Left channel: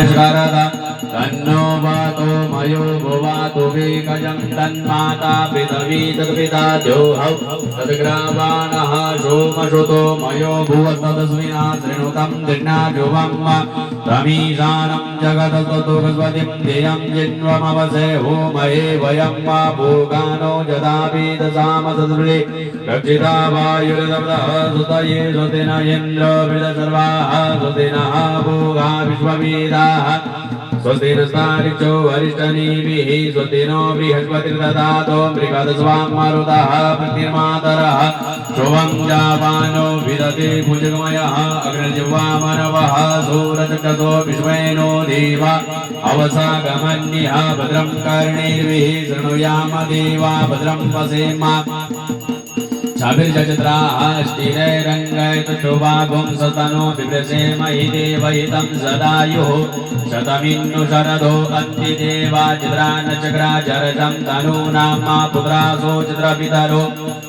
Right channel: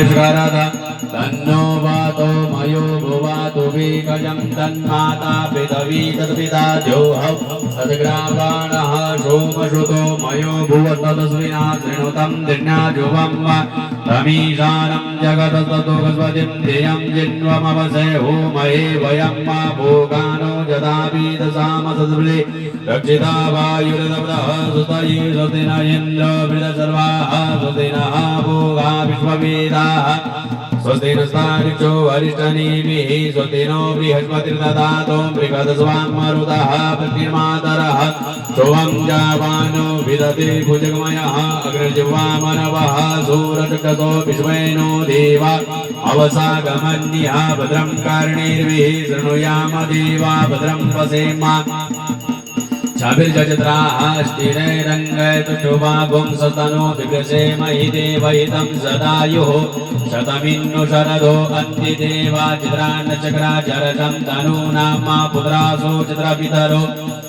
तन्नो वातो मयो भुवातु विकजं तन्माता पितवी तत्पिता द्योहौ तद्ग्रावाणः सोमसुतो मयो भुवस्तस्मिना शृणुतं दिन्नाजुवं तमीशानं जगतस्तुभस्वतिं धियं जिन्वमवसे होमये वयं वा भोगानो जदापीतसामसदृळे रक्षिता वायुरदवतः सुतये सुतिन इन्द्र वृदसर्वाः सुतिनः भोगा विश्ववीराः स्वस्ति नस्तारिचो अरिष्टनीभिः स्वस्ति नो बृहस्पतिर्दधातो मृगदस्वां मरुतः प्रतिर्मातरः शुभं जावानो विदते भुजगमयः अग्रजिह्वामनवः सूरचक्षसो विश्वेनो देवा अवसागमन्यः भद्रं कर्णेर्भिः शृणुयाम देवा भद्रं पश्येम छाभिर्जत्राः स्थिरैरङ्गैतशोभाभुं सतनो बिभ्रसेम हि देवहितं सदायुः शतमिन्नु शरदो अन्ति देवा चित्रानचक्राचरजं तनूनां मा पुत्रासो चित्रपितरो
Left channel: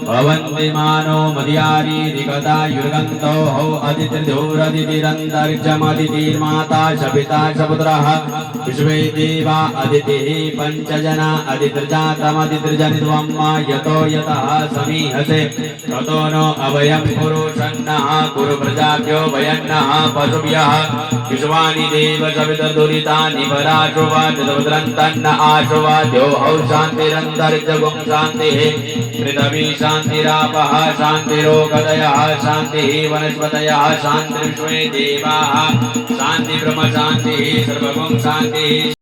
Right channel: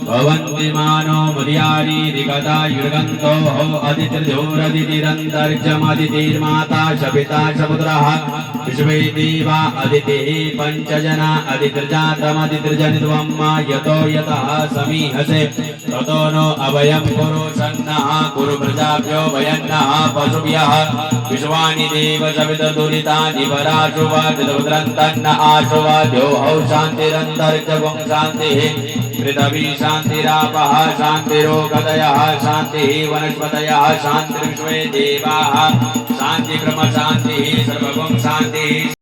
भवन्ति मानो मर्यारीरिकता युर्गन्तो हो अदितिर्धूरदितिरन्तरिक्षमदितिर्माता शपिता शपुत्रः विश्वे देवा अदितिः पञ्चजना अदितिर्जातमदितिर्जनित्वं मा यतो यतः समीहसे ततो नो अवयं पुरुषन्नः कुरु प्रजाभ्यो वयन्नः पशुभ्यः विश्वानि देव सवितदुरितानि पराशुवाद्रन्तन्न आशुवाद्योहौ शान्तिरन्तरिक्षगुं शान्तिः पृथिवी शान्तिरापः शान्तिरोगदयः शान्तिः वनस्पतयः शान्तिर्विश्वे देवाः शान्तिब्रह्म शान्तिः सर्वगुं शान्तिः